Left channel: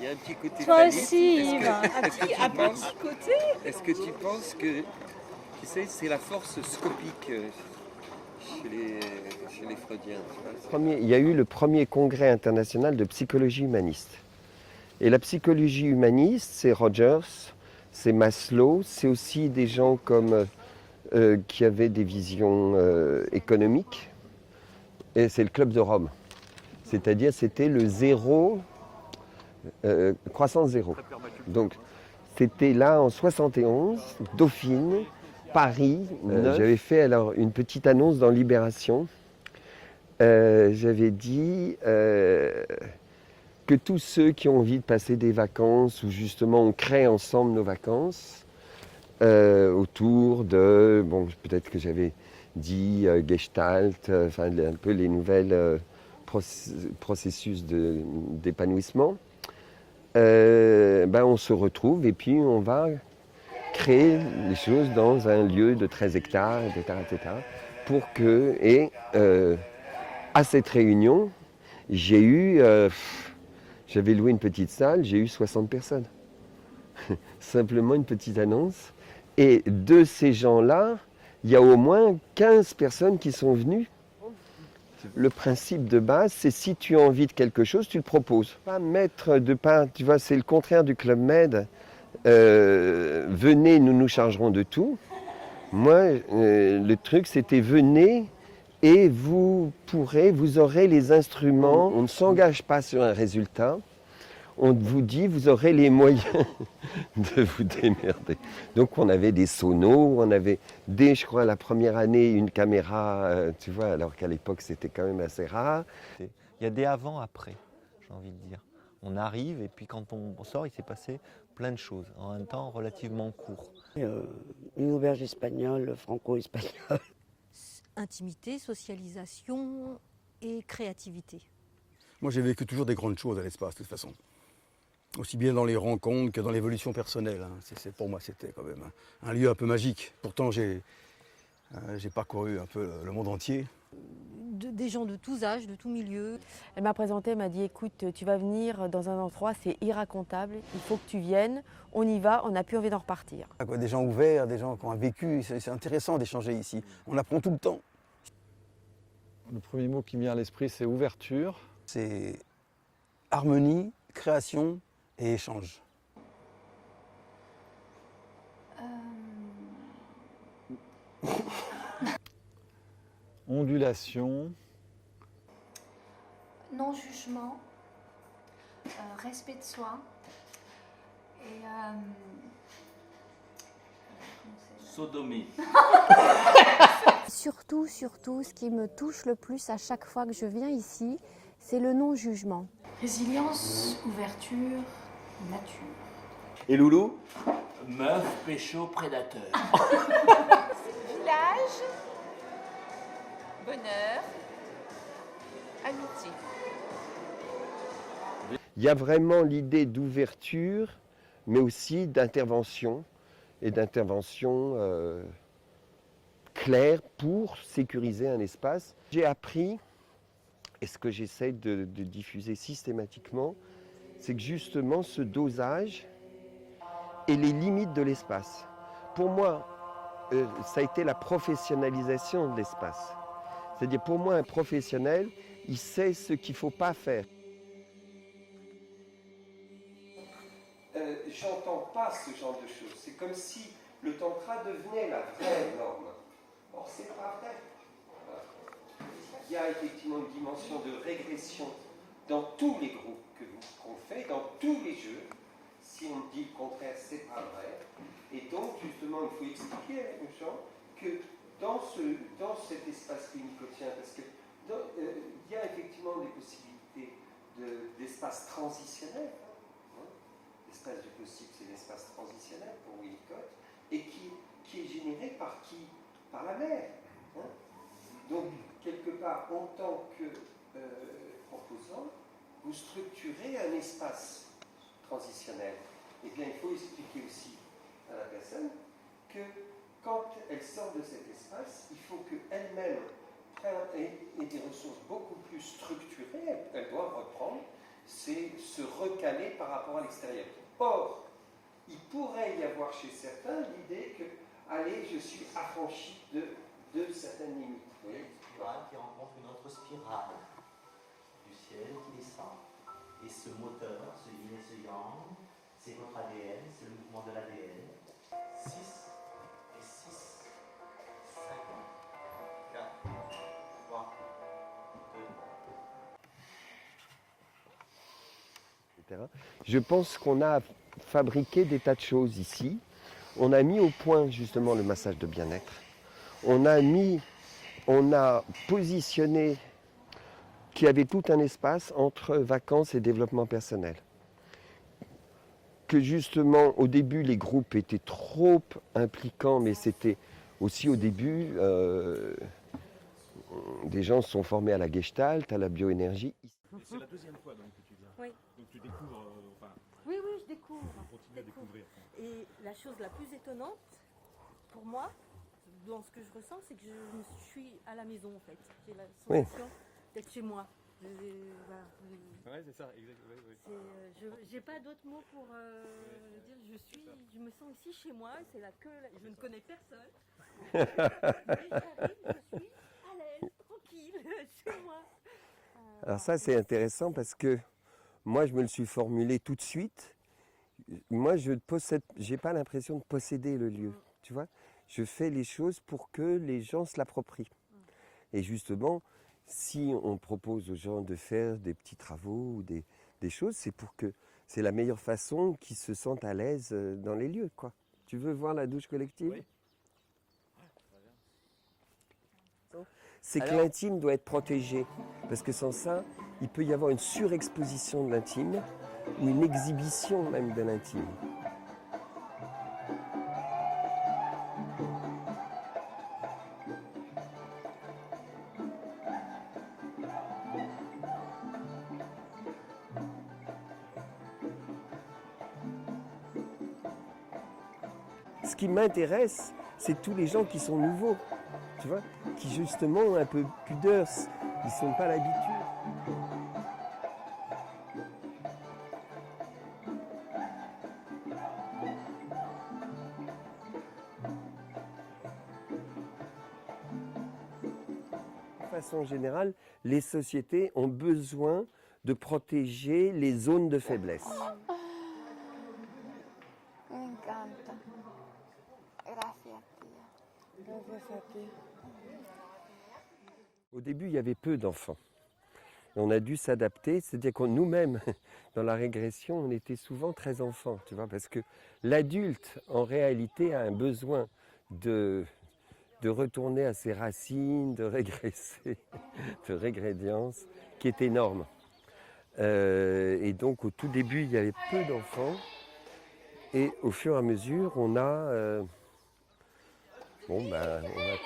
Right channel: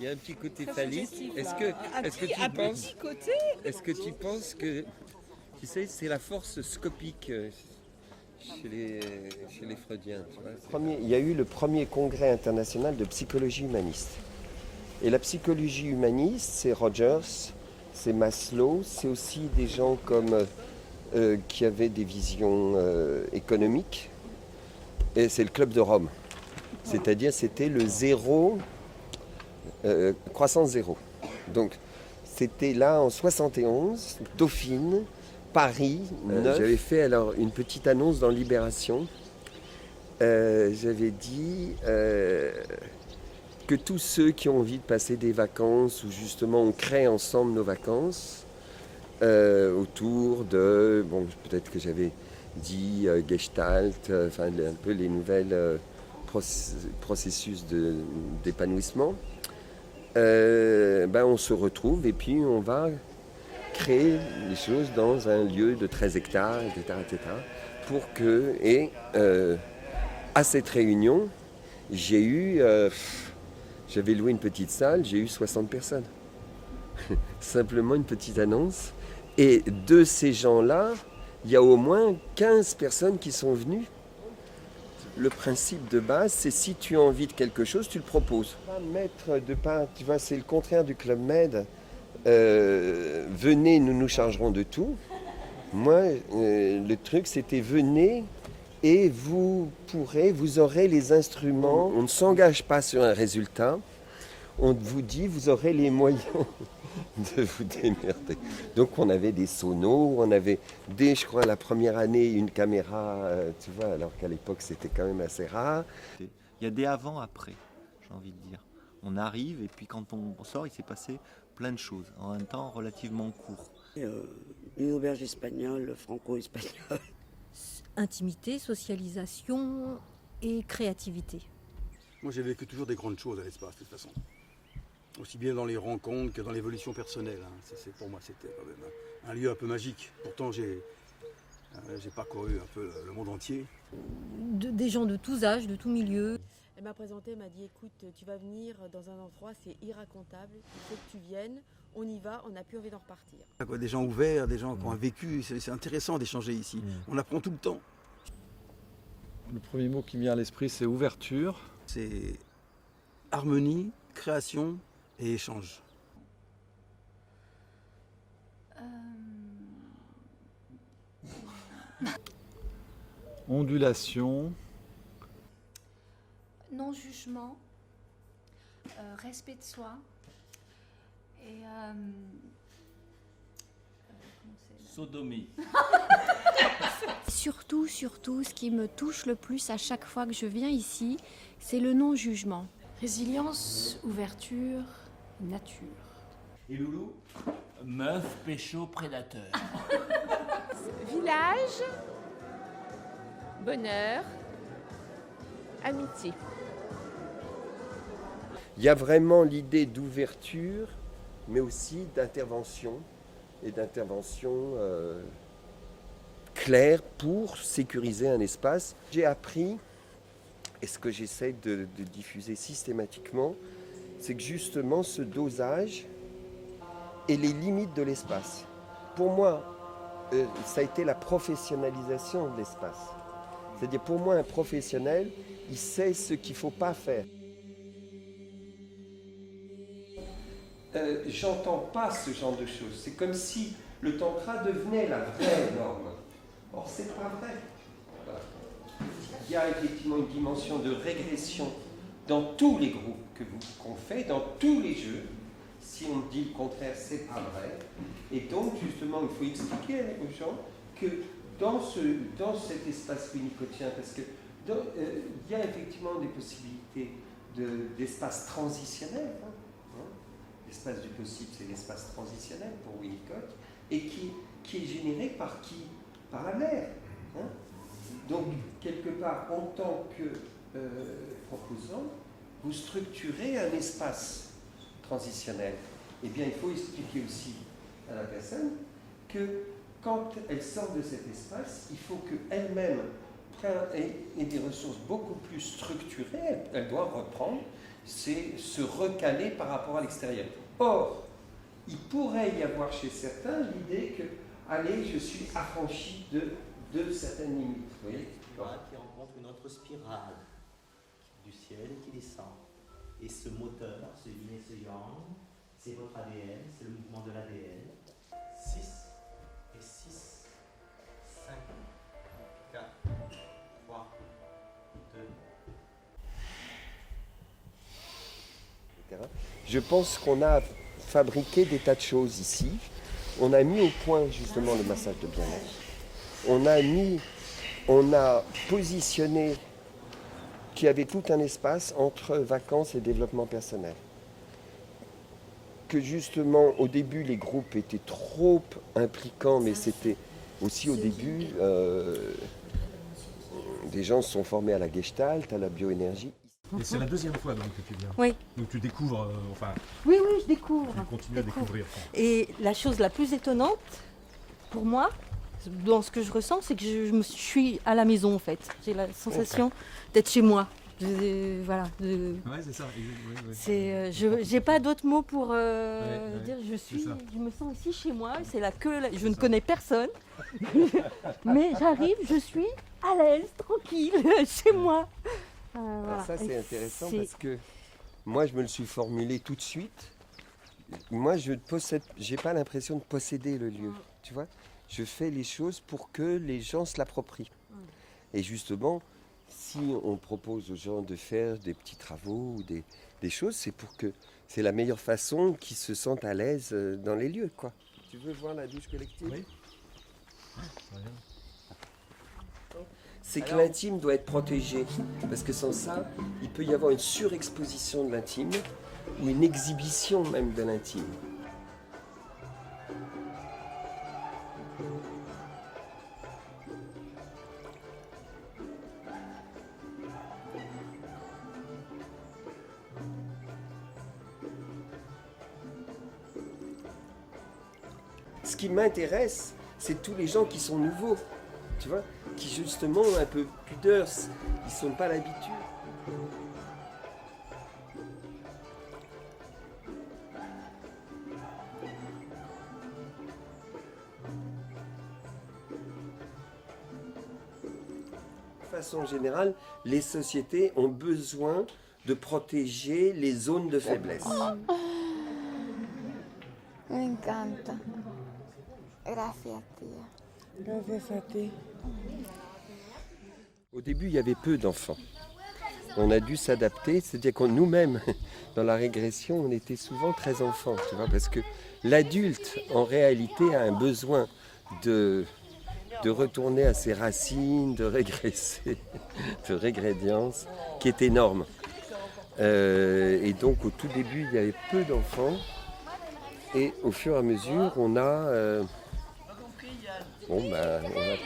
Il y a un petit côté Toi phallique. aussi, Est-ce Yves, que tu penses que, tu sais, c'est la force scopique chez les Freudiens, tu vois? Il y a eu le premier congrès international de psychologie humaniste. Et la psychologie humaniste, c'est Rogers, c'est Maslow, c'est aussi des gens comme qui avaient des visions économiques. Et c'est le Club de Rome. C'est-à-dire c'était le zéro, croissance zéro. Donc c'était là en 71, Dauphine, Paris. J'avais fait alors une petite annonce dans Libération. J'avais dit que tous ceux qui ont envie de passer des vacances, où justement on crée ensemble nos vacances, autour de, bon peut-être que j'avais dit Gestalt, enfin un peu les nouvelles processus d'épanouissement, on se retrouve et puis on va créer les choses dans un lieu de 13 hectares, etc. Pour que, et à cette réunion, j'ai eu, j'avais loué une petite salle, j'ai eu 60 personnes. Simplement une petite annonce. Et de ces gens-là, il y a au moins 15 personnes qui sont venues. Le principe de base, c'est si tu as envie de quelque chose, tu le proposes. Pas mettre de part, tu vois, c'est le contraire du Club Med. Venez, nous nous chargerons de tout. Moi, le truc, c'était venez et vous aurez les instruments. On ne s'engage pas sur un résultat. On vous dit, vous aurez les moyens de vous démerder. Donc on avait des sonos, on avait dès, je crois, la première année, une caméra, tu vois, alors qu'à l'époque c'était quand même assez rare. Il y a des avant-après, j'ai envie de dire. On arrive et puis quand on sort, il s'est passé plein de choses, en un temps relativement court. Une auberge espagnole, franco-espagnole. Intimité, socialisation et créativité. Moi, j'ai vécu toujours des grandes choses à l'espace, de toute façon. Aussi bien dans les rencontres que dans l'évolution personnelle. Pour moi, c'était quand même un lieu un peu magique. Pourtant, j'ai parcouru un peu le monde entier. Des gens de tous âges, de tous milieux. Elle m'a présenté, elle m'a dit écoute, tu vas venir dans un endroit, c'est irracontable, il faut que tu viennes, on y va, on n'a plus envie d'en repartir. Des gens ouverts, des gens qui ont un vécu, c'est intéressant d'échanger ici. On apprend tout le temps. Le premier mot qui me vient à l'esprit, c'est ouverture. C'est harmonie, création et échange. Ondulation. Non-jugement, respect de soi et Sodomie. surtout, ce qui me touche le plus à chaque fois que je viens ici, c'est le non-jugement. Résilience, ouverture, nature. Et Loulou? Meuf, pécho, prédateur. Village, bonheur, amitié. Il y a vraiment l'idée d'ouverture, mais aussi d'intervention, et d'intervention claire pour sécuriser un espace. J'ai appris, et ce que j'essaie de diffuser systématiquement, c'est que justement ce dosage et les limites de l'espace. Pour moi, ça a été la professionnalisation de l'espace. C'est-à-dire pour moi, un professionnel, il sait ce qu'il ne faut pas faire. J'entends pas ce genre de choses. C'est comme si le tantra devenait la vraie norme. Or, c'est pas vrai. Il y a effectivement une dimension de régression dans tous les groupes qu'on fait, dans tous les jeux. Si on dit le contraire, c'est pas vrai. Et donc, justement, il faut expliquer aux gens que dans cet espace winnicottien, parce que il y a effectivement des possibilités d'espace transitionnel. L'espace du possible, c'est l'espace transitionnel pour Winnicott, et qui est généré par qui? Par la mer. Donc, quelque part, en tant que proposant, vous structurez un espace transitionnel. Eh bien, il faut expliquer aussi à la personne que quand elle sort de cet espace, il faut qu'elle-même ait des ressources beaucoup plus structurées. Elle doit reprendre c'est se recaler par rapport à l'extérieur. Or, il pourrait y avoir chez certains l'idée que, allez, je suis affranchi de certaines limites. Vous voyez ? Qui rencontre une autre spirale du ciel qui descend. Et ce moteur, ce yin et ce yang, c'est votre ADN, c'est le mouvement de l'ADN. 6 et 6, 5, 4, 3, 2. Je pense qu'on a fabriqué des tas de choses ici. On a mis au point justement le massage de bien-être. On a positionné qu'il y avait tout un espace entre vacances et développement personnel. Que justement, au début, les groupes étaient trop impliquants, mais c'était aussi au début, des gens se sont formés à la Gestalt, à la bioénergie. Et c'est la deuxième fois donc que tu viens. Oui. Donc tu découvres, Oui, je découvre. tu continues à découvrir. Et la chose la plus étonnante, pour moi, dans ce que je ressens, c'est que je suis à la maison en fait. J'ai la sensation d'être chez moi. Voilà. Ouais, c'est ça. J'ai pas d'autres mots pour dire je me sens ici chez moi. C'est là que je ne connais personne, mais j'arrive, je suis à l'aise, tranquille, chez moi. Alors ça c'est intéressant parce que moi je me le suis formulé tout de suite. Moi j'ai pas l'impression de posséder le lieu, tu vois. Je fais les choses pour que les gens se l'approprient. Et justement, si on propose aux gens de faire des petits travaux ou des choses, c'est pour que c'est la meilleure façon qu'ils se sentent à l'aise dans les lieux, quoi. Tu veux voir la douche collective ? Oui. C'est que l'intime doit être protégé, parce que sans ça, il peut y avoir une surexposition de l'intime, ou une exhibition même de l'intime. Ce qui m'intéresse, c'est tous les gens qui sont nouveaux, tu vois, qui justement ont un peu pudeur, ils ne sont pas l'habitude. De façon générale, les sociétés ont besoin de protéger les zones de faiblesse. Me encanta. Gracias, tía. Gracias a ti. Au début, il y avait peu d'enfants. On a dû s'adapter, c'est-à-dire que nous-mêmes, dans la régression, on était souvent très enfants, tu vois, parce que l'adulte, en réalité, a un besoin de retourner à ses racines, de régresser, de régrédience, qui est énorme. Et donc, au tout début, il y avait peu d'enfants. Et au fur et à mesure, on a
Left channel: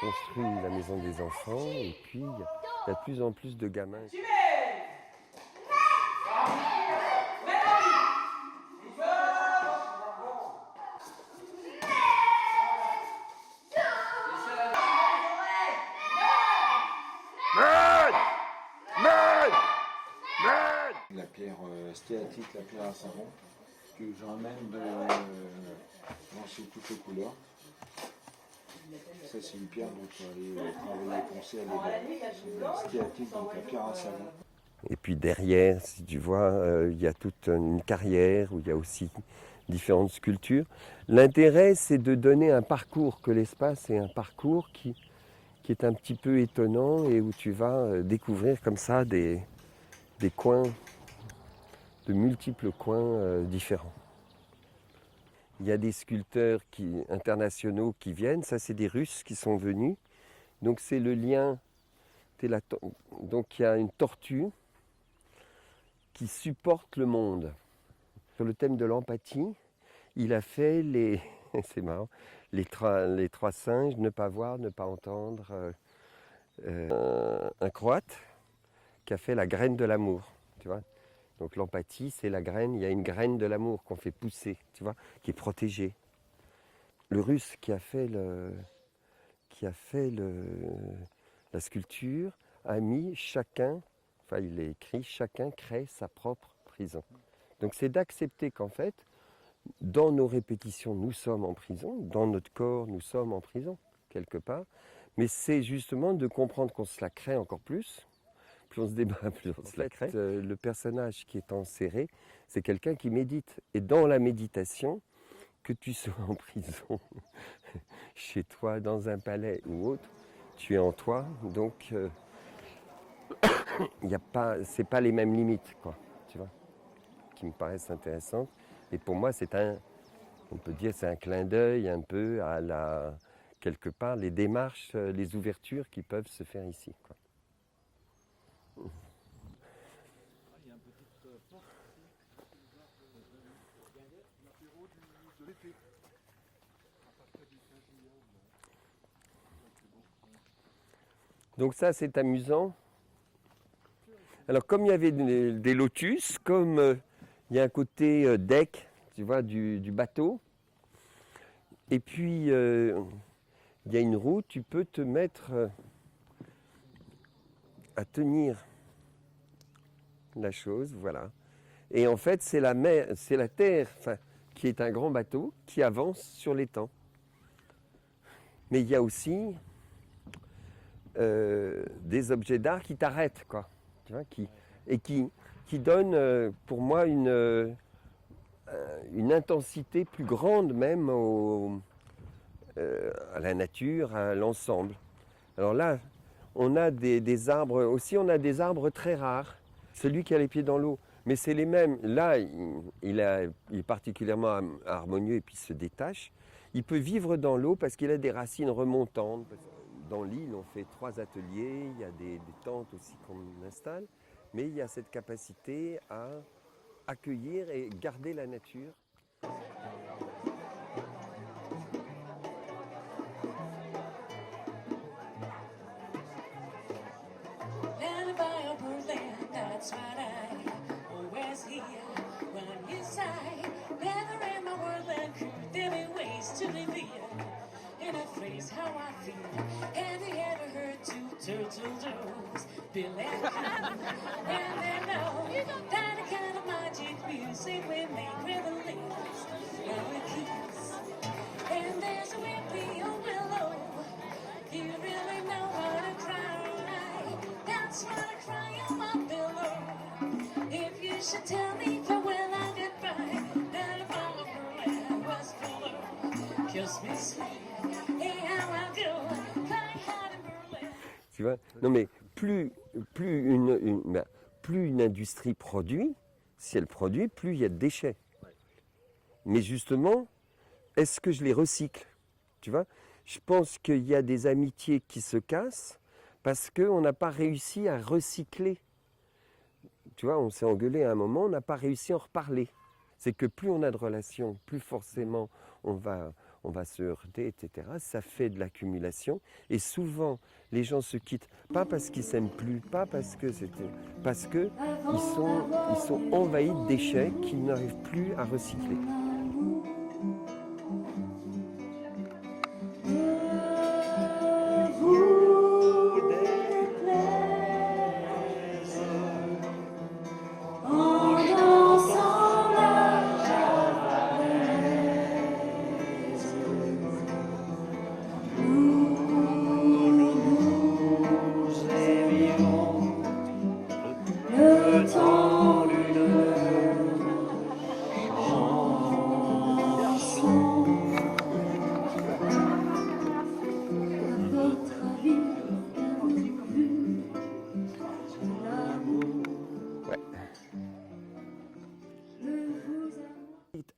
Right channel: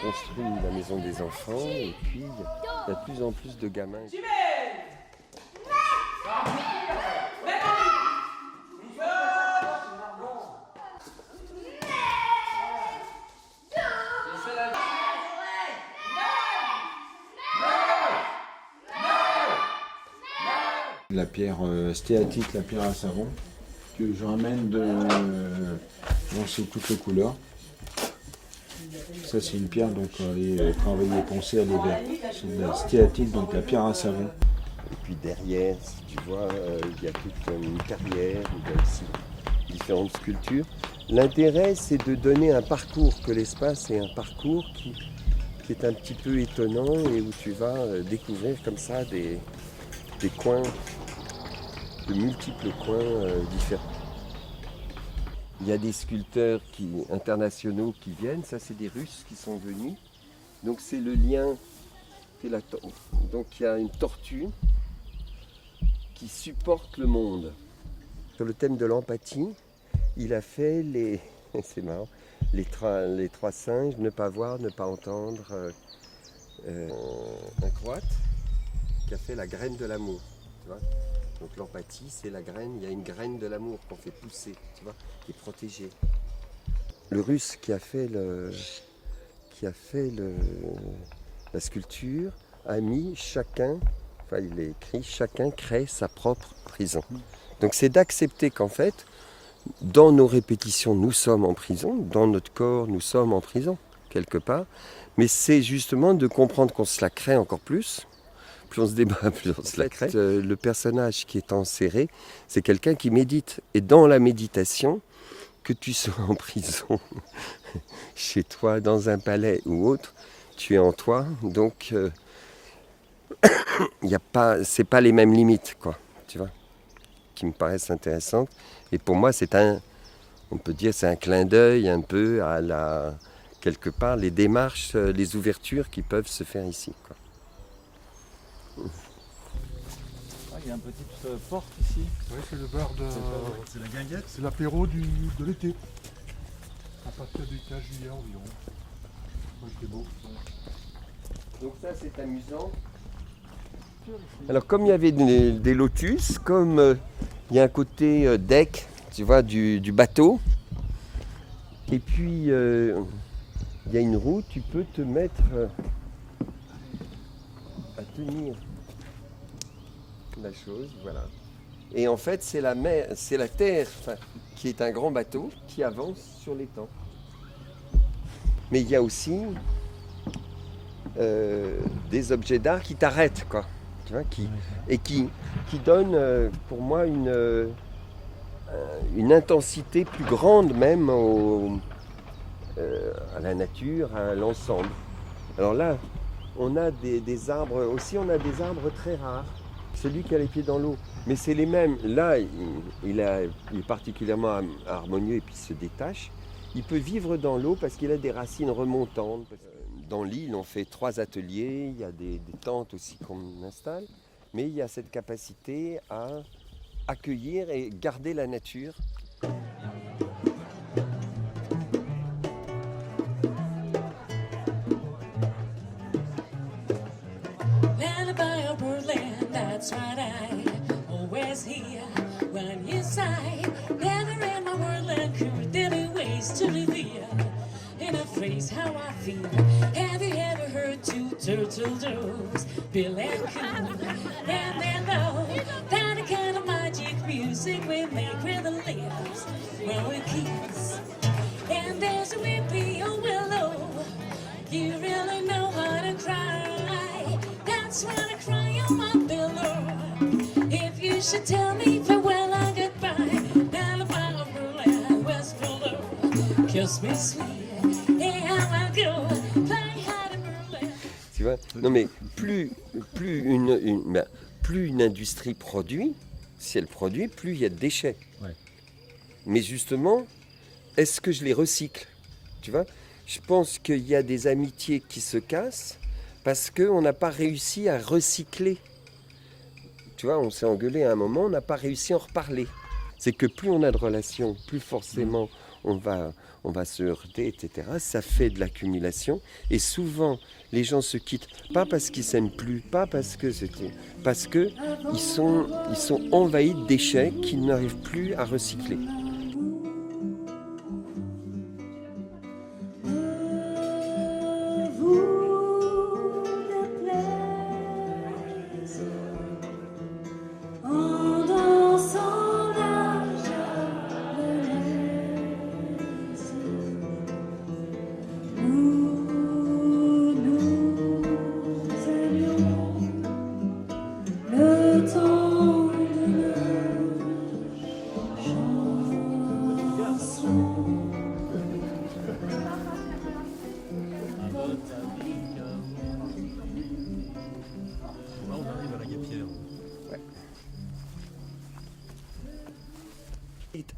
construit la maison des enfants et puis il y a de plus en plus de gamins. La pierre stéatique, la pierre à savon, que je ramène c'est toutes les couleurs. Ça c'est une pierre donc travaillée, poncée à l'hiver. C'est de la stéatique, donc la pierre à savon. Et puis derrière, si tu vois, il y a toute une carrière où il y a aussi différentes sculptures. L'intérêt c'est de donner un parcours, que l'espace est un parcours qui est un petit peu étonnant et où tu vas découvrir comme ça des coins, de multiples coins différents. Il y a des sculpteurs internationaux qui viennent, ça c'est des Russes qui sont venus. Donc c'est le lien, donc il y a une tortue qui supporte le monde. Sur le thème de l'empathie, il a fait c'est marrant, les trois singes, ne pas voir, ne pas entendre. Un Croate qui a fait la graine de l'amour, tu vois. Donc l'empathie, c'est la graine, il y a une graine de l'amour qu'on fait pousser, tu vois, qui est protégée. Le Russe qui a fait la sculpture a mis chacun enfin il est écrit, chacun crée sa propre prison. Donc c'est d'accepter qu'en fait, dans nos répétitions, nous sommes en prison, dans notre corps, nous sommes en prison, quelque part. Mais c'est justement de comprendre qu'on se la crée encore plus. Plus on se débat, plus on se la crée. Le personnage qui est enserré, c'est quelqu'un qui médite. Et dans la méditation, que tu sois en prison, chez toi, dans un palais ou autre, tu es en toi. Donc, c'est pas les mêmes limites, quoi, tu vois, qui me paraissent intéressantes. Et pour moi, on peut dire, c'est un clin d'œil un peu à quelque part, les démarches, les ouvertures qui peuvent se faire ici, quoi. Il y a une petite porte ici. Oui, c'est le bar de... C'est la guinguette. C'est l'apéro de l'été. À partir du 15 juillet environ. Moi, c'était beau. Donc ça, c'est amusant. Alors, comme il y avait des lotus, comme il y a un côté deck, tu vois, du bateau, et puis il y a une roue, tu peux te mettre à tenir la chose, voilà. Et en fait, c'est la mer, c'est la terre, enfin, qui est un grand bateau qui avance sur l'étang. Mais il y a aussi des objets d'art qui t'arrêtent, quoi. Tu vois, qui donnent pour moi une intensité plus grande même à la nature, à l'ensemble. Alors là, on a des arbres aussi, on a des arbres très rares. Celui qui a les pieds dans l'eau, mais c'est les mêmes. Là, il est particulièrement harmonieux et puis se détache. Il peut vivre dans l'eau parce qu'il a des racines remontantes. Dans l'île, on fait 3 ateliers, il y a des tentes aussi qu'on installe, mais il y a cette capacité à accueillir et garder la nature. That's what I always hear when you sigh. Never in my world and could there be ways to live here in a phrase how I feel. Have you ever heard 2 turtle doves, Bill and Coo? And they know that the kind of magic music we make with the lips when we kiss. And there's a whippy old willow. You really know how to cry. That's why I cry on my pillow. If you should tell me farewell and goodbye, Alabama, Berlin, West Berlin, kiss me sweet, hey how I go, fly high to Berlin. Tu vois? Non mais plus une industrie produit, si elle produit, plus il y a de déchets. Ouais. Mais justement, est-ce que je les recycle? Tu vois? Je pense qu'il y a des amitiés qui se cassent parce qu'on n'a pas réussi à recycler. Tu vois, on s'est engueulé à un moment, on n'a pas réussi à en reparler. C'est que plus on a de relations, plus forcément on va se heurter, etc. Ça fait de l'accumulation. Et souvent, les gens se quittent, pas parce qu'ils s'aiment plus, pas parce que c'était... Parce qu'ils sont envahis de déchets qu'ils n'arrivent plus à recycler.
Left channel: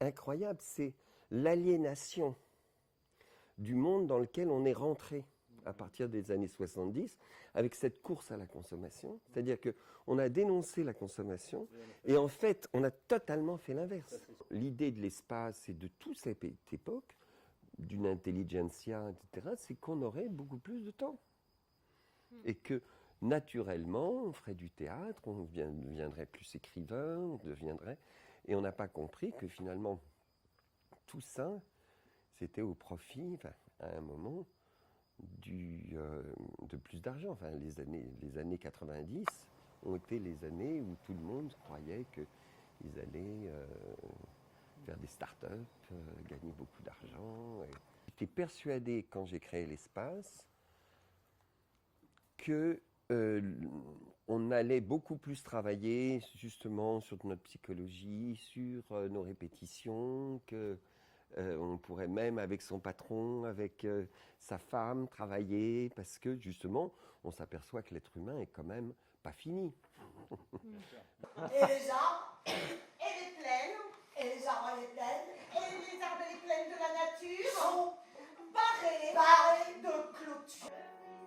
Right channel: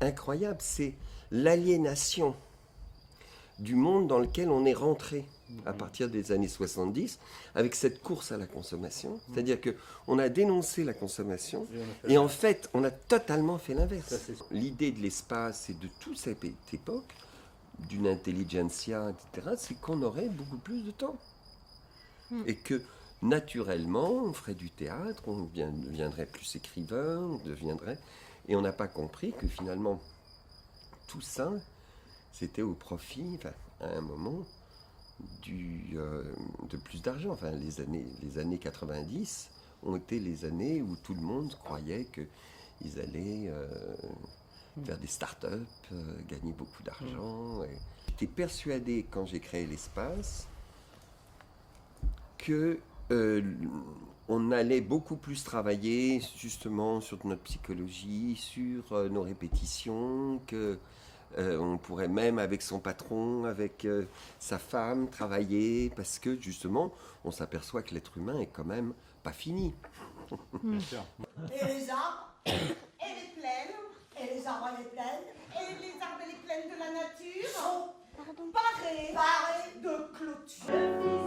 Incroyable, c'est l'aliénation du monde dans lequel on est rentré à partir des années 70 avec cette course à la consommation. C'est-à-dire qu'on a dénoncé la consommation et en fait, on a totalement fait l'inverse. L'idée de l'espace et de toute cette époque, d'une intelligentsia, etc., c'est qu'on aurait beaucoup plus de temps. Et que naturellement, on ferait du théâtre, on deviendrait plus écrivain, on deviendrait... Et on n'a pas compris que finalement, tout ça, c'était au profit, enfin, à un moment, de plus d'argent. Enfin, les années 90, ont été les années où tout le monde croyait qu'ils allaient faire des start-up, gagner beaucoup d'argent. J'étais persuadé, quand j'ai créé l'espace, que on allait beaucoup plus travailler justement sur notre psychologie, sur nos répétitions, que on pourrait même avec son patron, avec sa femme, travailler, parce que justement, on s'aperçoit que l'être humain est quand même pas fini. Et les arbres, et les plaines, et les arbres et les plaines, et les arbres et les plaines de la nature sont parés de clôtures.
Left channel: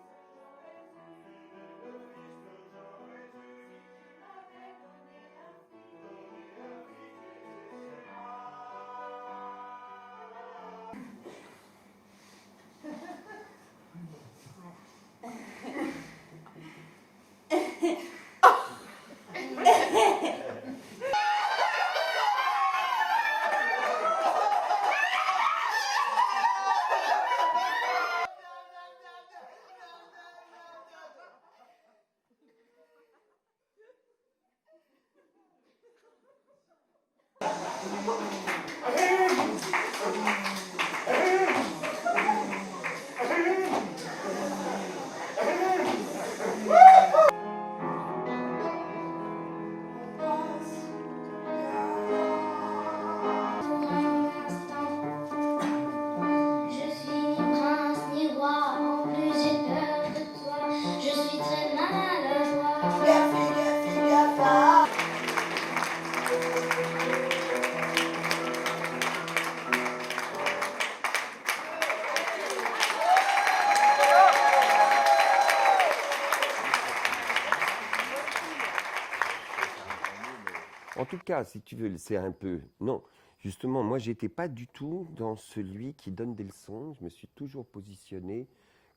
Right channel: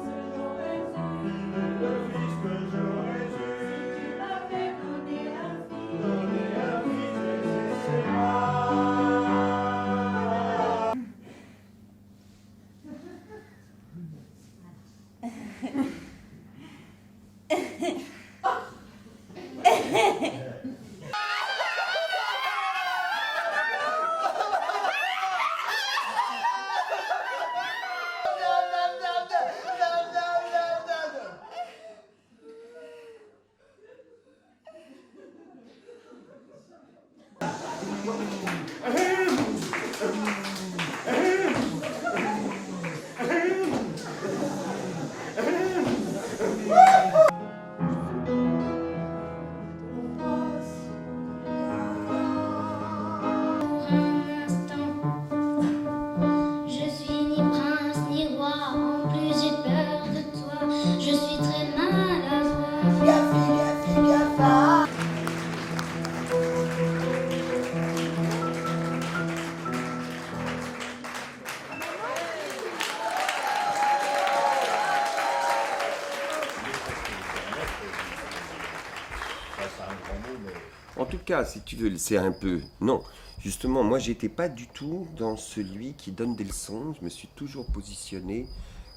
En tout cas, si tu veux, c'est un peu... Non, justement, moi, j'étais pas du tout dans celui qui donne des leçons. Je me suis toujours positionné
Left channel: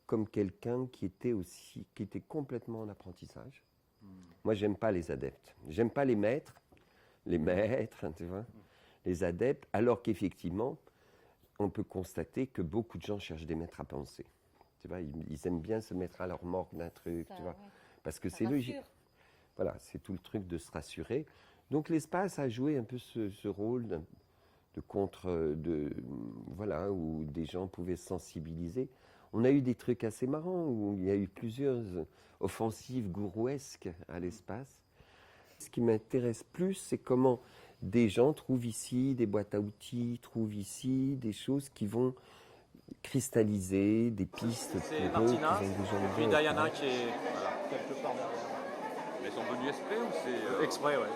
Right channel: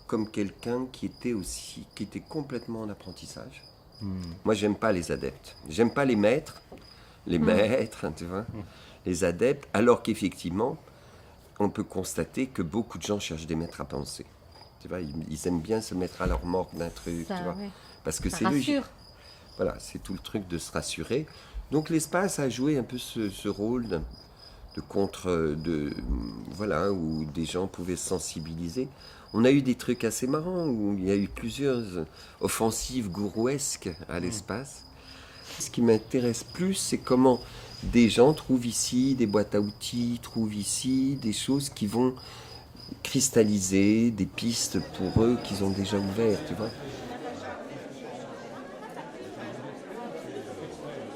comme quelqu'un qui était complètement en apprentissage. Moi, j'aime pas les adeptes. J'aime pas les maîtres, hein, tu vois, les adeptes, alors qu'effectivement, on peut constater que beaucoup de gens cherchent des maîtres à penser. Tu vois, ils aiment bien se mettre à leur morgue d'un truc, Ça, tu vois, ouais. parce que Ça c'est logique. rassure. Voilà, c'est tout le truc de se rassurer. Donc l'espace a joué un peu ce rôle de contre, voilà, où des gens pouvaient se sensibiliser. On a eu des trucs assez marrants, où il y a eu plusieurs offensives gourouesques à l'espace. Ce qui m'intéresse plus, c'est comment des gens trouvent ici des boîtes à outils, trouvent ici des choses qui vont cristalliser, des pistes pour eux qu'ils ont déjà ouvertes. Diana qui est quelque part. Ils sont venus exprès ou c'est exprès, ouais.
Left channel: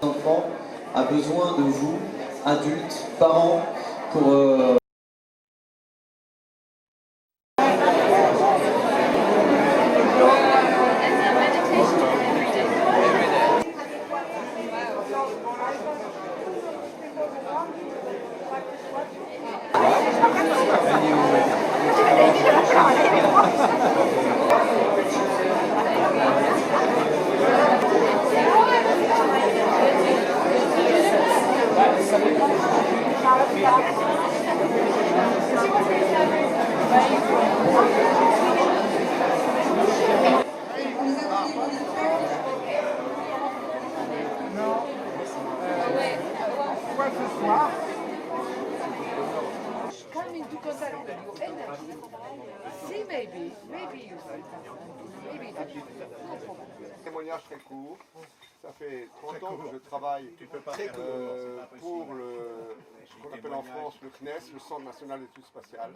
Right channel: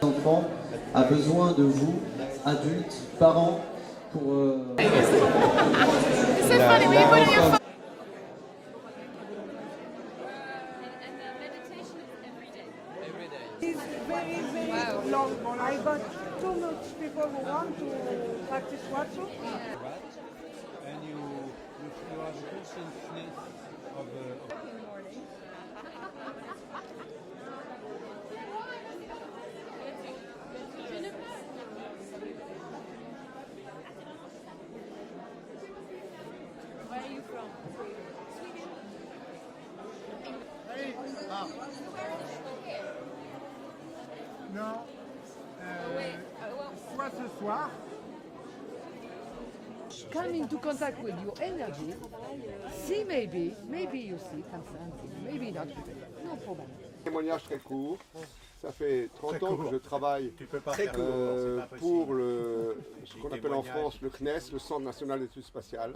L'enfant a besoin de vous, adultes, parents, pour... Come into contact with your energy. See, maybe you see something. Maybe not. No problem. Témoignage très court. Ça fait 30 ans que je travaille Très court, pour ce qu'on appelle en France le CNES, le Centre National d'Études Spatiales,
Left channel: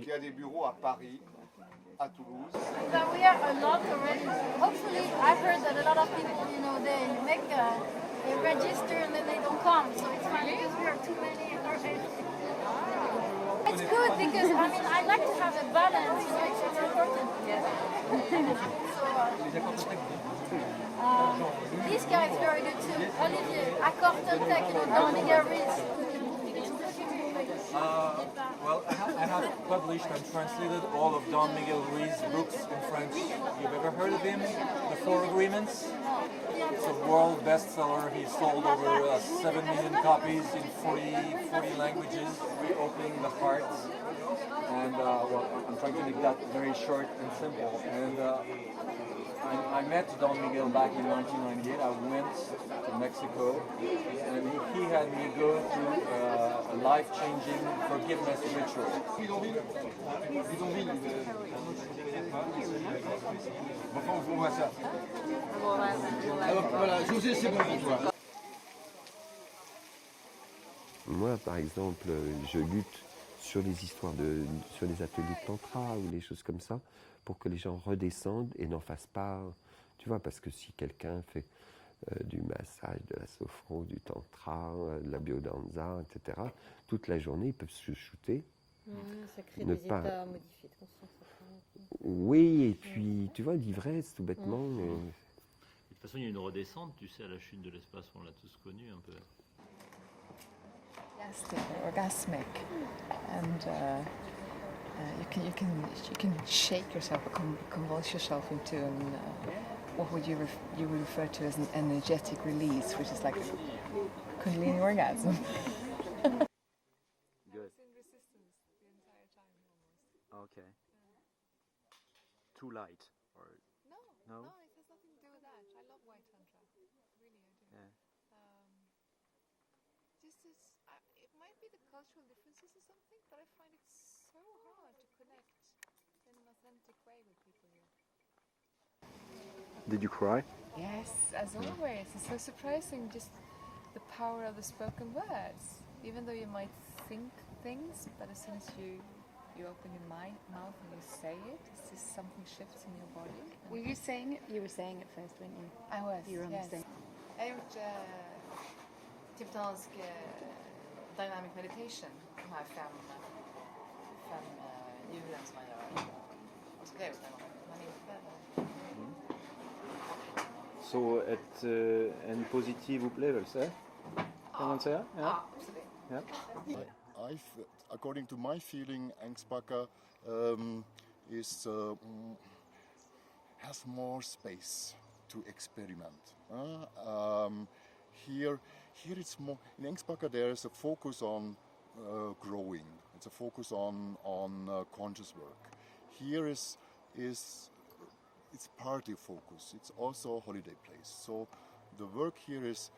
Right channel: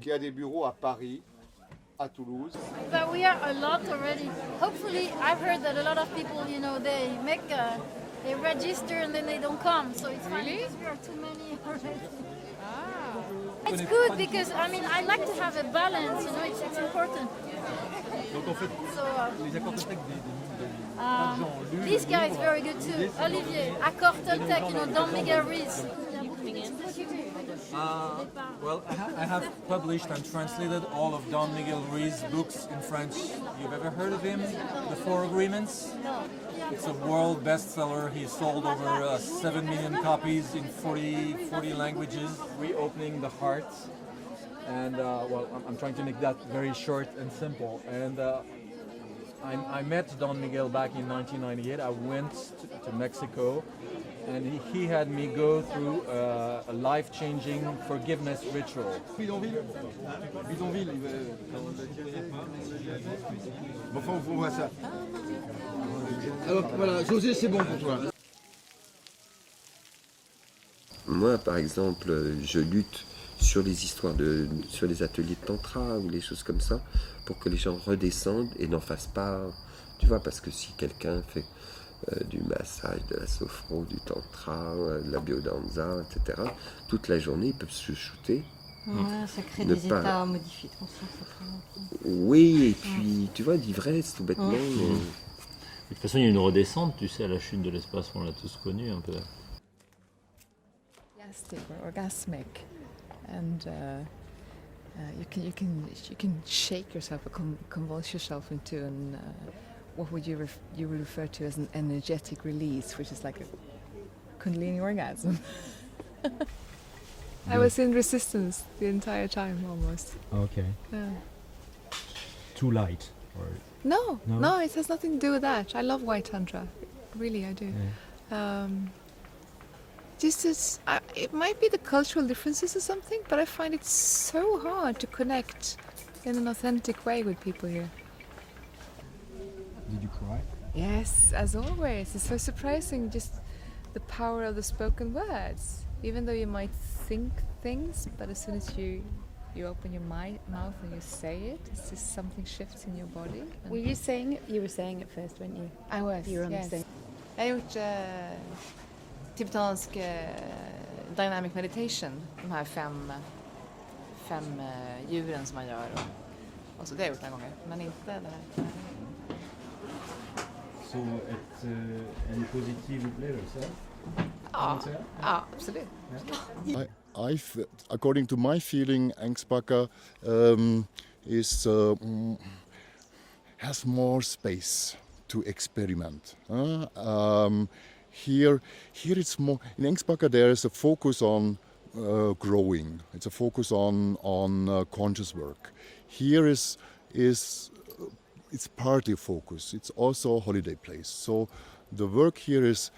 qui a des bureaux à Paris, à Toulouse. But we are a lot already. Hopefully, I've heard that a lot of people, you know, they register and then they don't come. So it's fine because we are too many already. It's good because I like to have a balance. You know, it's important. This guy is very good too. Olivier, Accord Toltec, you know, Don Miguel Ruiz. Well, I have published and translated all of Don Miguel Ruiz's books in French. You've ever heard of him? The Four Agreements? It's a world bestseller. He sold over 7 million copies in 40 languages. Reopening the heart. And well, I'm trying to make that very short and simple. And I met Don Miguel back in 1998. I went to Mexico, and he had me go through a life-changing forgiveness ritual. Bidonville. Bon, on voit ça. Alors voilà, José, c'est bon pour toi. Moi, par exemple, je lutte sur les histoires sur les ateliers de tantra ou les choses comme ça, pour que les gens redescendent et n'en fassent pas, tu vois, parce que si quelqu'un fait du massage, de la sophro, du tantra, de la biodanza, etc., toute la journée, ils peuvent se shooter. Ouais, ça crée des états modifiés de conscience après. Oui, et puis, tu vois, l'ivresse, tout bêtement. De toute façon, il y a une redescente, tu sais, à la chute de l'espace, on l'a tous connu un peu. Orgasmic, and you can shake yourself or convulse yourself into what would you refer to as an energetic release, which is like a Kundalini orgasm. I was in resistance the entire time almost. Okay. Yeah. Too light, or No, it has nothing to do with that. I love White Tantra, really I do. Yeah. It might be the cultural differences or something, but I find it so hard to connect in an authentic way with people here. Did you cry? Yes, as always. It's so surprising, just the power of the spoken words. Even though you might think things, but as soon as you open your mouth and you say it, it's just something shifts in your body. Were you saying it? You were saying it first, weren't you? I was, You were on the yes. same. Jag har gjort tibetansk dynamic meditation, de här fem djuren som man gör. Och så det har jag gjort några gånger, men inte det här. Så en positiv upplevelse? Ja, absolut. According to my feeling, Ängsbacka has more space to experiment. Here it's more in Ängsbacka. There is a focus on growing. It's a focus on conscious work. Here is it's party focus. It's also a holiday place. So the work here is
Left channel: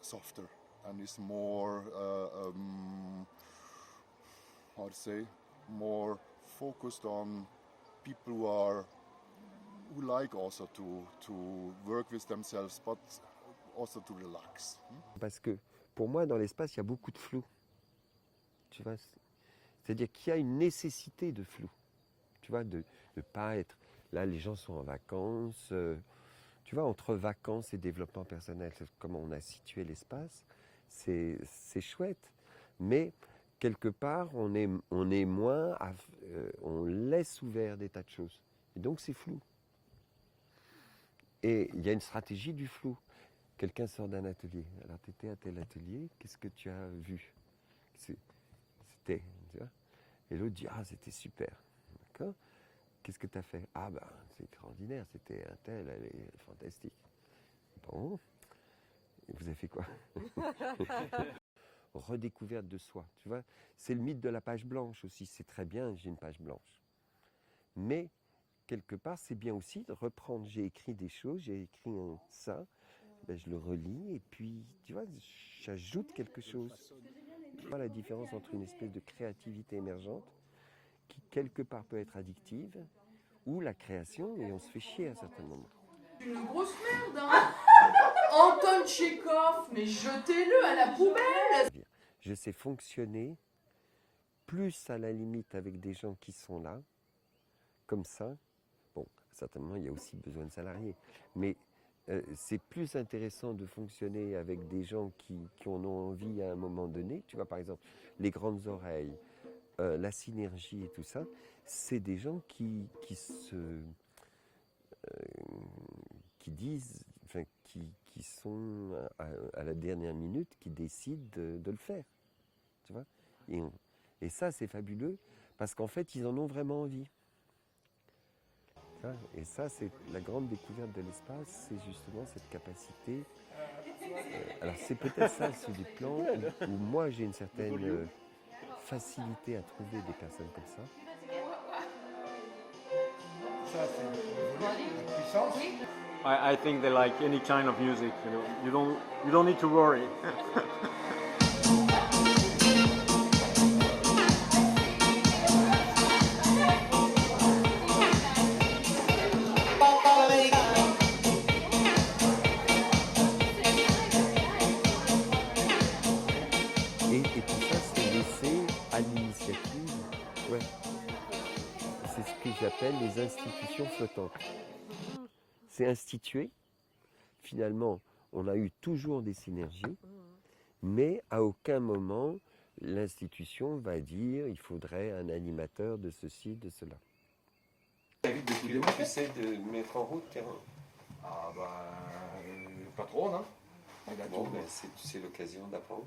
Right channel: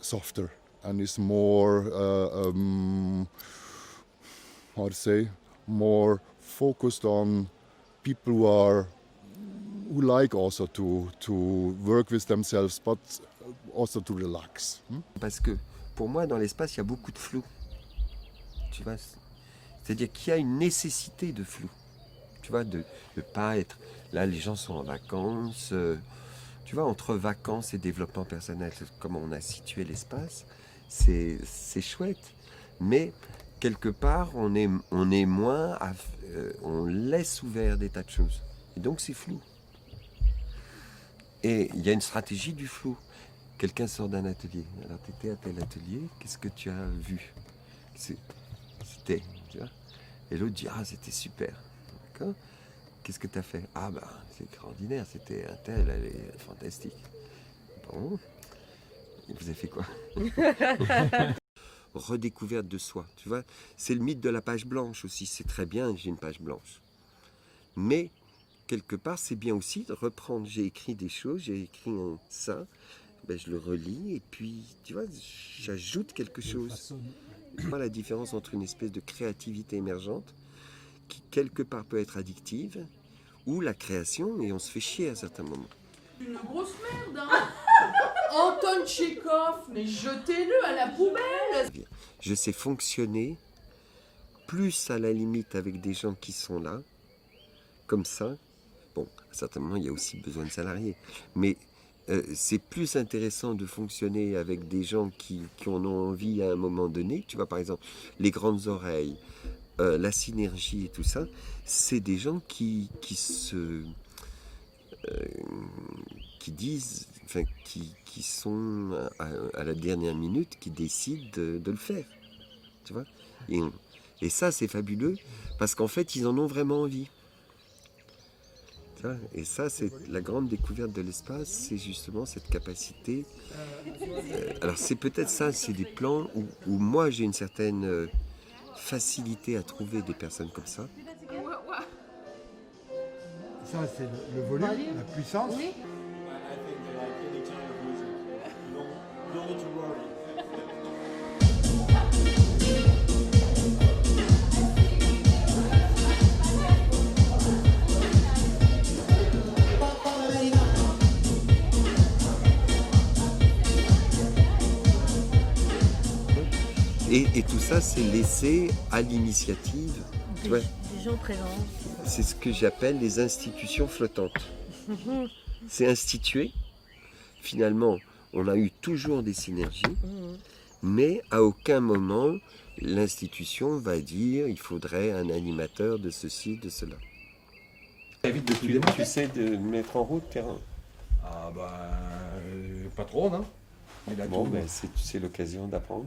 softer and is more more focused on people who like also to work with themselves, but also to relax. Parce que pour moi, dans l'espace, il y a beaucoup de flou. Tu vois, c'est-à-dire qu'il y a une nécessité de flou. Tu vois, de ne pas être... Là, les gens sont en vacances. Tu vois, entre vacances et développement personnel, comme on a situé l'espace, c'est chouette. Mais quelque part, on est moins... on laisse ouvert des tas de choses. Et donc, c'est flou. Et il y a une stratégie du flou. Quelqu'un sort d'un atelier. Alors, tu étais à tel atelier, qu'est-ce que tu as vu? C'était, tu vois. Et l'autre dit, ah, c'était super. D'accord. Qu'est-ce que tu as fait? Ah, bah, c'est extraordinaire, c'était un tel, elle est fantastique. Bon. Et vous avez fait quoi? Redécouverte de soi, tu vois. C'est le mythe de la page blanche aussi. C'est très bien, j'ai une page blanche. Mais, quelque part, c'est bien aussi de reprendre. J'ai écrit des choses, j'ai écrit ça. Ben, je le relis et puis, tu vois, j'ajoute quelque chose. Tu vois la différence entre une espèce de créativité émergente qui, quelque part, peut être addictive, ou la création, et on se fait chier à certains moments. Une grosse merde, hein. Anton Tchekhov, mais jetez-le à la poubelle. Je sais fonctionner plus à la limite avec des gens qui sont là, comme ça. Bon, à certains moments, il y a aussi besoin de salariés, mais c'est plus intéressant de fonctionner avec des gens qui en ont envie à un moment donné. Tu vois, par exemple, les grandes oreilles, la synergie et tout ça, c'est des gens qui disent, enfin, qui sont à la dernière minute, qui décident de le faire. Tu vois, et ça, c'est fabuleux, parce qu'en fait, ils en ont vraiment envie. Et ça, c'est la grande découverte de l'espace, c'est justement cette capacité. Alors c'est peut-être ça, c'est des plans où moi j'ai une certaine facilité à trouver des personnes comme ça. Ça, c'est le volume, la puissance. I think they like any kind of music. You don't need to worry. Et tout ça, c'est laissé à l'initiative. Des gens présents. C'est ce que j'appelle les institutions flottantes. C'est institué. Finalement, on a eu toujours des synergies, mais à aucun moment, l'institution va dire il faudrait un animateur de ceci, de cela. Tu essaies de mettre en route terrain. Ah bah, pas trop, non? Bon, ben, c'est l'occasion d'apprendre.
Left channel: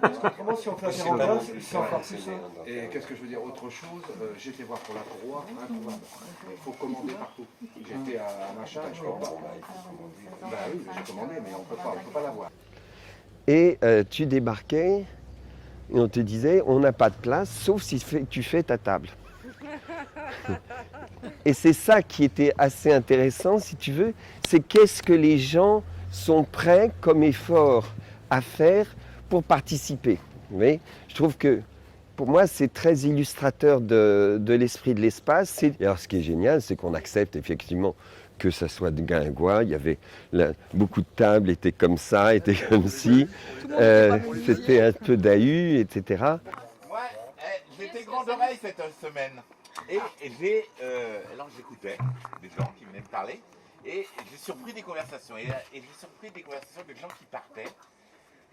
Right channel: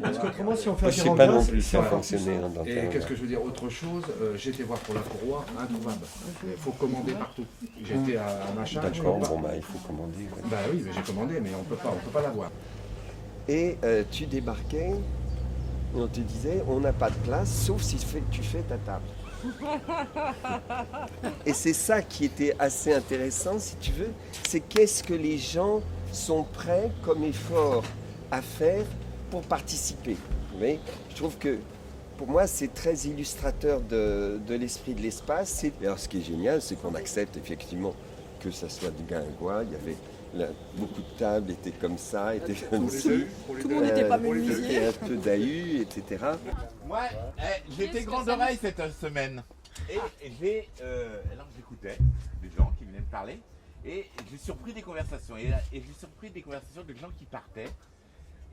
Parce qu'autrement, si on fait je sais pas non plus si on faire fait fonctionner un Et dentaire. qu'est-ce que je veux dire? Autre chose, j'étais voir pour la courroie, introuvable. Il faut commander partout. J'étais à machin. D'accord, bon, bah, il faut commander. Ouais. Bah oui, mais j'ai commandé, mais on peut pas l'avoir. Et tu débarquais et on te disait on n'a pas de place sauf si tu fais ta table. Et c'est ça qui était assez intéressant, si tu veux, c'est qu'est-ce que les gens sont prêts comme effort à faire pour participer. Vous voyez, je trouve que pour moi c'est très illustrateur de l'esprit de l'espace. Alors ce qui est génial, c'est qu'on accepte effectivement que ça soit de Guingois. Il y avait beaucoup de tables étaient comme ça, étaient comme ci. C'était un peu d'ahus, etc. Moi, j'étais grande oreille cette semaine. Et alors j'écoutais des gens qui venaient me parler. Et j'ai surpris des conversations. Et j'ai surpris des conversations de gens qui partaient.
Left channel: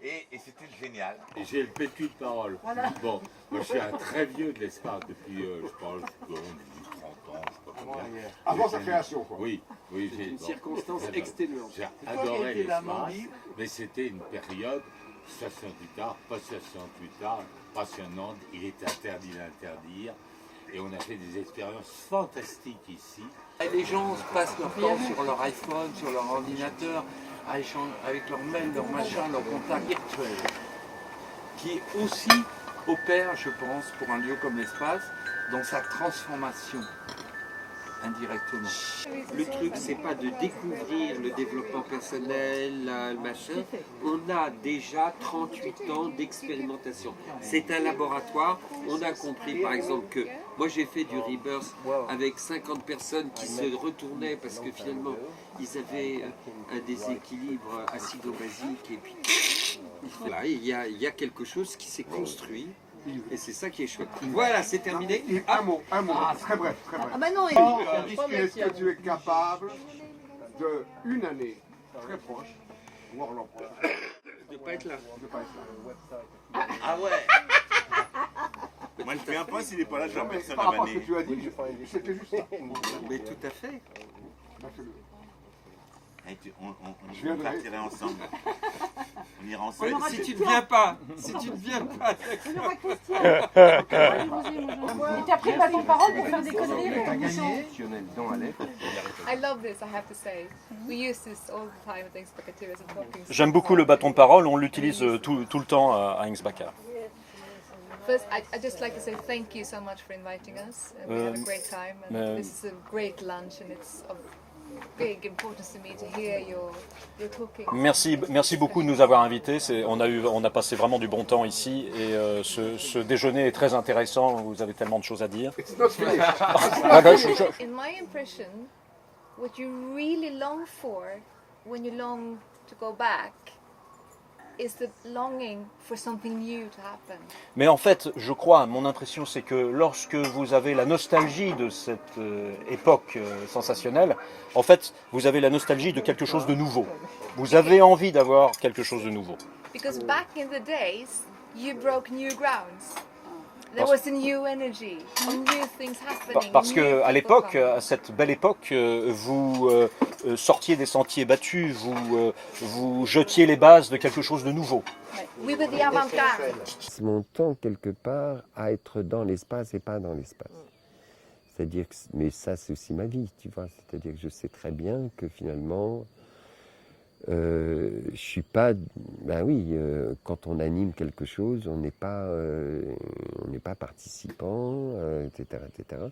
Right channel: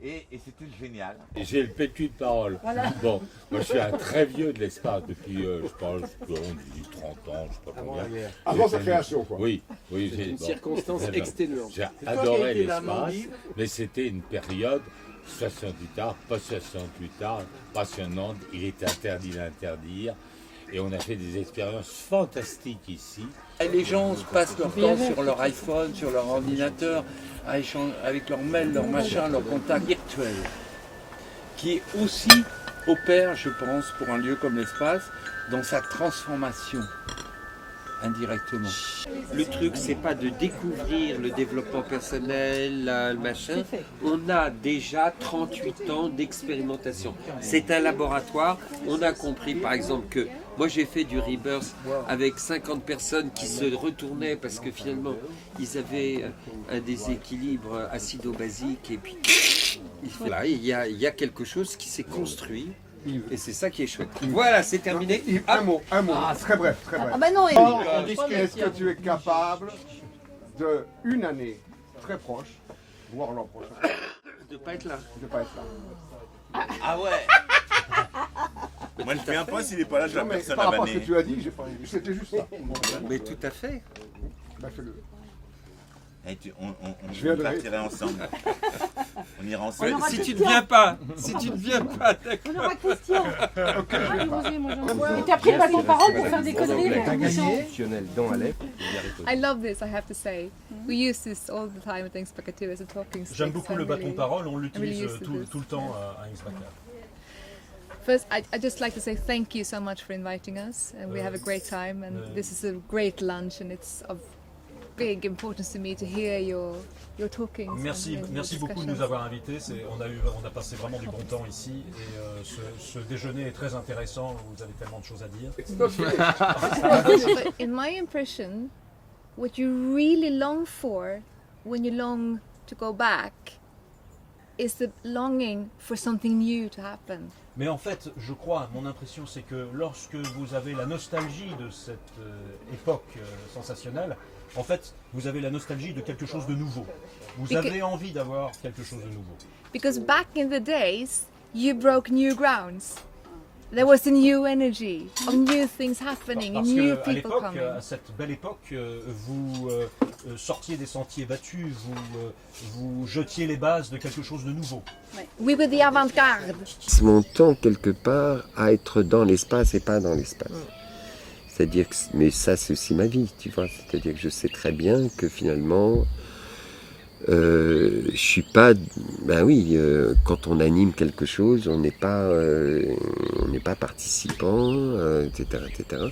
Et c'était génial. J'ai le PQ de parole. Voilà. Bon, moi je suis un très vieux de l'espace depuis, je parle, 30 ans, je sais pas combien. Avant sa création, quoi. Oui, oui. Une circonstance exténuante. J'ai Et toi qui as adoré été là, l'espace, Mandy mais c'était une période 68 ans, pas 68 ans, passionnante. Il est interdit d'interdire. Et on a fait des expériences fantastiques ici. Les gens passent leur temps sur leur iPhone, sur leur ordinateur, à échanger avec leur mail, leur machin, leur contact virtuel, qui aussi opère, je pense, pour un lieu comme l'espace, dans sa transformation, indirectement. Le truc, c'est pas de découvrir le développement personnel, le machin. On a déjà 38 ans d'expérimentation. C'est un laboratoire. On a compris, par exemple, que moi j'ai fait du rebirth avec 50 personnes qui se retournaient parce que finalement ils avaient un déséquilibre acido-basique et puis là, il y a quelque chose qui s'est construit. Et c'est ça qui est chouette. Voilà, c'est terminé. Un mot, très bref, très bref. Ah bah non, Est-ce que tu es capable de une année très proche, voire l'an prochain, de pas être là. De pas être là. Ah ouais. Moi je viens pas s'il n'est pas là, j'ai la personne à Par rapport à ce banner. que tu as dit, c'était juste ça. Mais tout à fait. Bah, fais-le. Et Je viendrai. on partirait ensemble. On ira ensemble. Si tu ne viens pas, si tu ne viens pas, On aura Christian. Et puis après, il va ton parole pour faire des conneries avec la commission. I love this, I have to say. We use this all the time at Inksbacka too as a talking stick. J'aime beaucoup le bâton de parole, on l'utilise tout le temps à Inksbacka. First, I just like to say thank you so much for inviting us, and we have a great time. And this is a great lunch, and it's of big importance to me to hear your talking. Merci beaucoup de nous avoir invités. On a passé vraiment du bon temps ici et ce déjeuner est très intéressant. Vous avez tellement de choses à dire. In my impression, what you really long for when you long to go back is the longing for something new to happen. Mais en fait, je crois, mon impression, c'est que lorsque vous avez la nostalgie de cette époque sensationnelle, en fait, vous avez la nostalgie de quelque chose de nouveau. Vous avez envie d'avoir quelque chose de nouveau. Because back in the days, you broke new grounds. There was a new energy, of new things happening. Parce new qu'à people l'époque, coming. à cette belle époque, vous sortiez des sentiers battus, vous jetiez les bases de quelque chose de nouveau. We were the avant-garde. C'est mon temps quelque part à être dans l'espace et pas dans l'espace. C'est-à-dire que, mais ça c'est aussi ma vie, tu vois. C'est-à-dire que je sais très bien que finalement, je suis pas, ben oui, quand on anime quelque chose, on n'est pas participant, etc., etc.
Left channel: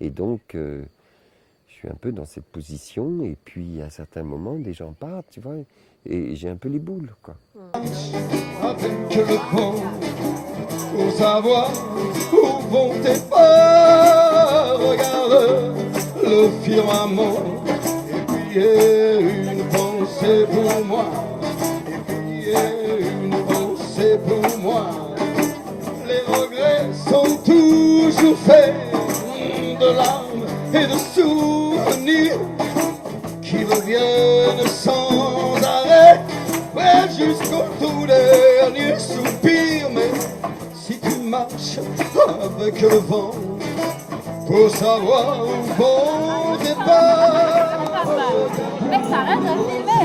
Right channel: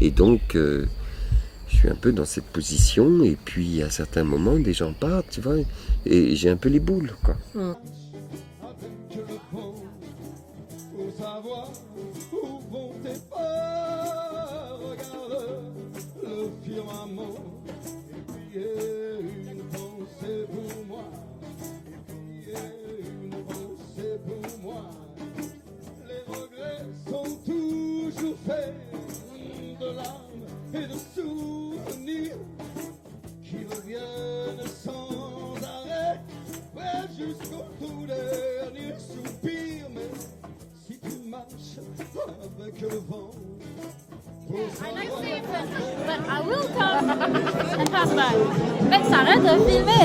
Et donc, je suis un peu dans cette position, et puis à certains moments, des gens partent, tu vois, et j'ai un peu les boules, quoi. Avec le vent, pour savoir où vont tes pas, regarde le firmament, et puis une pensée pour moi, et puis une pensée pour moi. Les regrets sont toujours faits de larmes et de souvenirs qui reviennent sans arrêt, ouais, jusqu'au tout dernier soupir. Mais si tu marches avec le vent pour savoir où vont tes pas, En fait, t'arrêtes de filmer.